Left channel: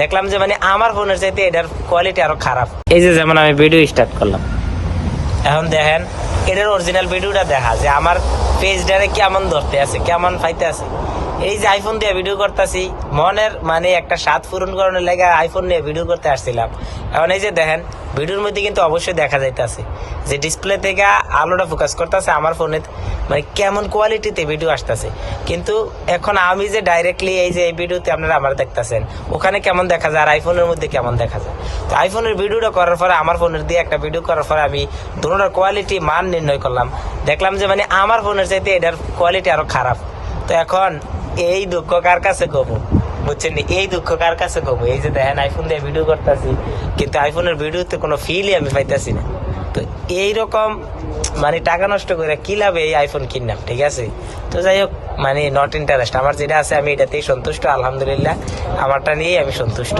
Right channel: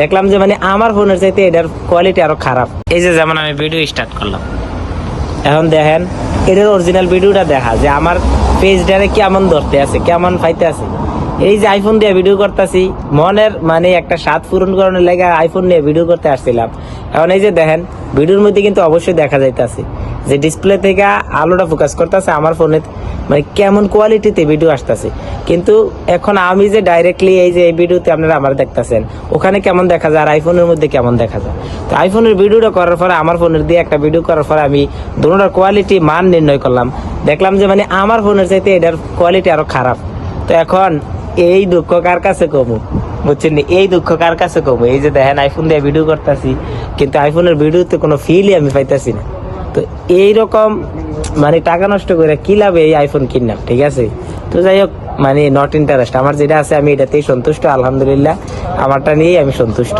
দেখলাম যে মানে আমার ফোনের চাইতে এটার কোয়ালিটি আরো খারাপ। এই যে যেমন আমি ভিডিও স্টার্ট করলাম, এখন দেখেন এটার অরিজিনাল ভিডিওটা দেখা যে আমার পেজটারে কেমন ধরতে আছে, কেমন পাইতে আছে। এই যে আইফোন দিয়ে ভিডিও করতেছি, মনের মানে একটা স্বাদ পূরণ করানোর লেগে আইফোন নিয়ে ভিডিও করতে আসছিলাম। এখন এই যে দেখেন ভিডিওর মধ্যে কিন্তু অবশ্যই দেখা যাইতেছে যে ডিসপ্লে থেকে আলোটা ফোকাস করতেছে আমার ফোনে, মানে কেমন কোয়ালিটিতে ভিডিও আসতেছে। কিন্তু এখন আমি যে ডাইরেক্টলি এই যে এই ভিডিওতে আপনারা আমার দেখতেছেন, ওখানে কেমন দেখা যায় আর আইফোনের মধ্যে কেমন দেখা যায়। তো আইফোনের ভিডিওটা করার পরে আমার ফোনের দিয়ে একটা ভিডিও করার পরে আমি দুটোটার কোয়ালিটি মান নির্ণয় করলাম, দেখলাম যে মানে আমার ফোনের চাইতে এটার কোয়ালিটি আরো খারাপ। তো এখন এই দুঃখ কার কাছে কমু, বুঝছেন? এই দুঃখ কার কাছে কমু? এই যে দেখেন আইফোন দিয়ে ভিডিও করতেছি, কিন্তু আইফোনের ভিডিওতে কোনো ফিলই আমি পাইতেছি না। তো এইরকম মানে টাকা নষ্ট করে কি লাভ এই আইফোন কিনলাম, ঠিক আছে? তো যাই হোক, মানে নট ইন্টারেস্ট, আমার যেটা আছে আমি এটাতেই সন্তুষ্ট, আলহামদুলিল্লাহ, আমারটা নিয়েই আমি সন্তুষ্ট।